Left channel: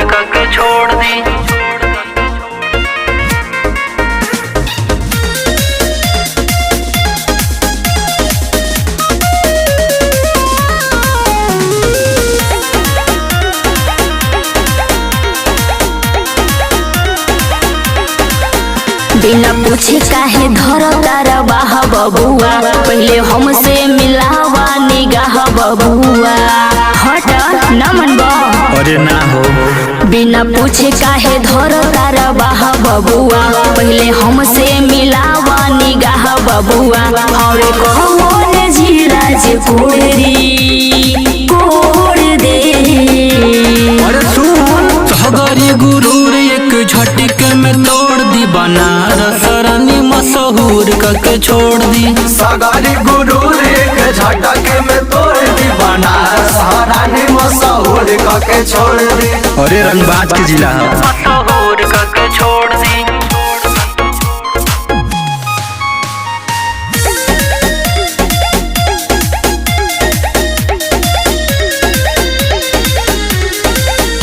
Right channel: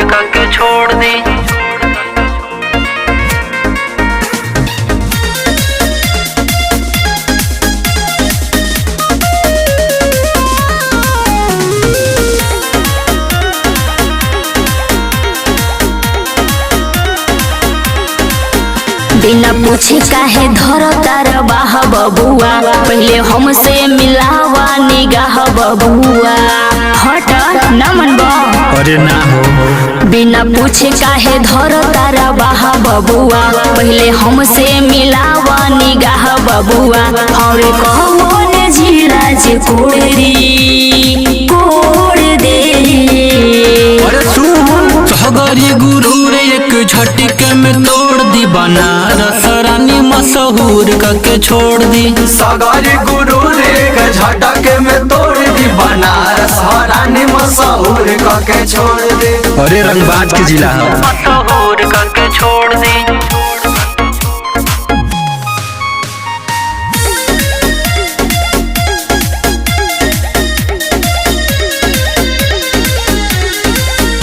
मशहूर करके छोड़ दी। बिना पूछ काहे धर तारा बाह बबुआ, पहले हमसे मिलावा निगाह बबुआ। हट न मनबा, अरे ना हो। बिना पूछ काहे धर तारा बाह बबुआ, पहले हमसे मिलावा निगाह बबुआ। और कौन जिराज कोरी कोर दे। अरे सुन, सगरी गुरूर एक झटके में तोड़ दी, बनारस रानी मशहूर करके छोड़ दी। सगरी गुरूर एक झटके में तोड़ दी, बनारस रानी मशहूर करके छोड़ दी। अरे रंगबाज के जिला मशहूर करके छोड़ दी।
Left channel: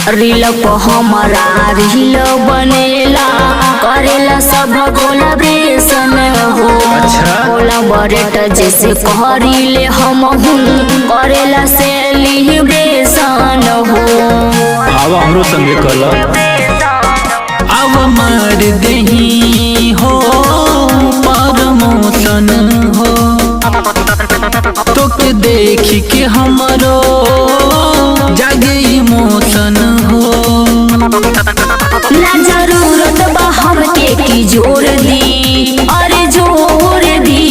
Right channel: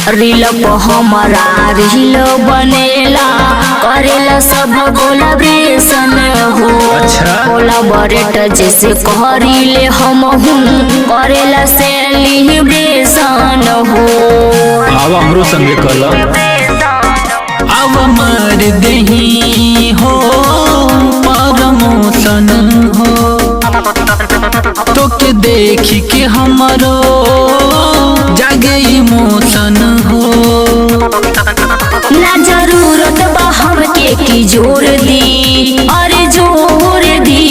रील को हमारा रील बनेला, करेला सब कोलाब्रेशन हो। कोलाबरेट जैसे करीले हम करेला सेलिब्रेशन हो। अब हमरो संगे कल अब मार दही हो प्रमोशन हो, तो के देखी के हमरो जागे इमोशन हो। ना जरूरत बा हमके की जोड़ दी, अरे जोड़ दी।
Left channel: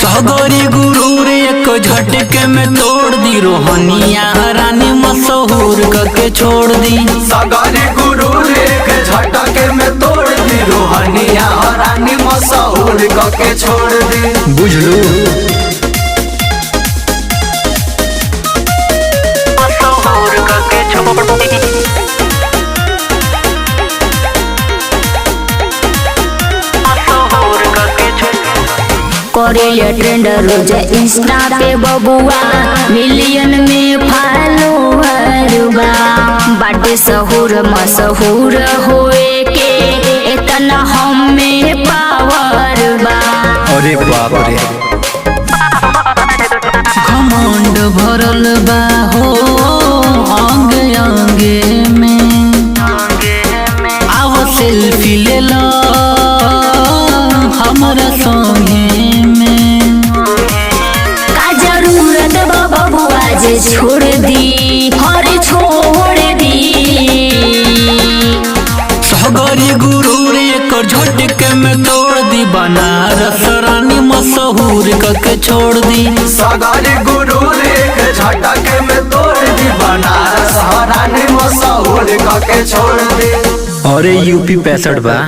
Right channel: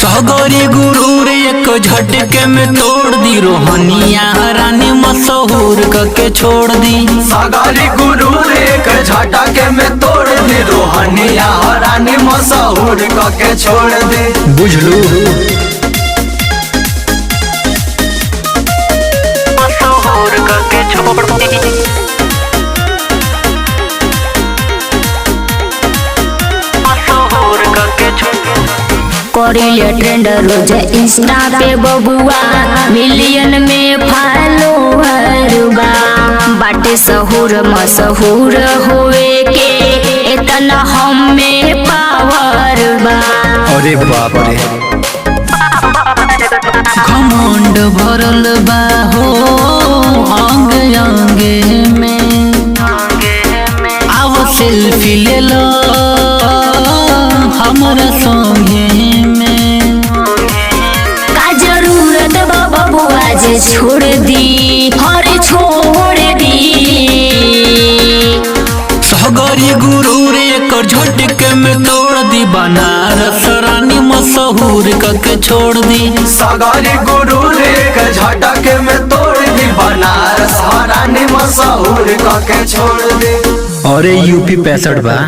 सगरी गुरूर एक झटके में तोड़ दी, रोहनिया रानी मशहूर करके छोड़ दी। सगरी गुरूर एक झटके में तोड़ दी, रोहनिया रानी मशहूर करके छोड़ दी। बुझलू मशहूर करके छोड़ दी। करेले ट्रेंड रोज इंस्टा पे बबुआ, मिलियन में फॉलोअर बा। बाटे सहूर मशहूर होए के इतना हम में पावर बा। अरे बाप रे, घमंड भरल बा हो अंग अंगे में। आव सेल्फी ले लो हमरा संगे में। का जरूरत बा बबुआ जे छोड़ दी, हर छोड़ दी। सगरी गुरूर एक झटके में तोड़ दी, बनारस रानी मशहूर करके छोड़ दी। सगरी गुरूर एक झटके में तोड़ दी, बनारस रानी मशहूर करके छोड़ दी। अरे यूपी 65 बा।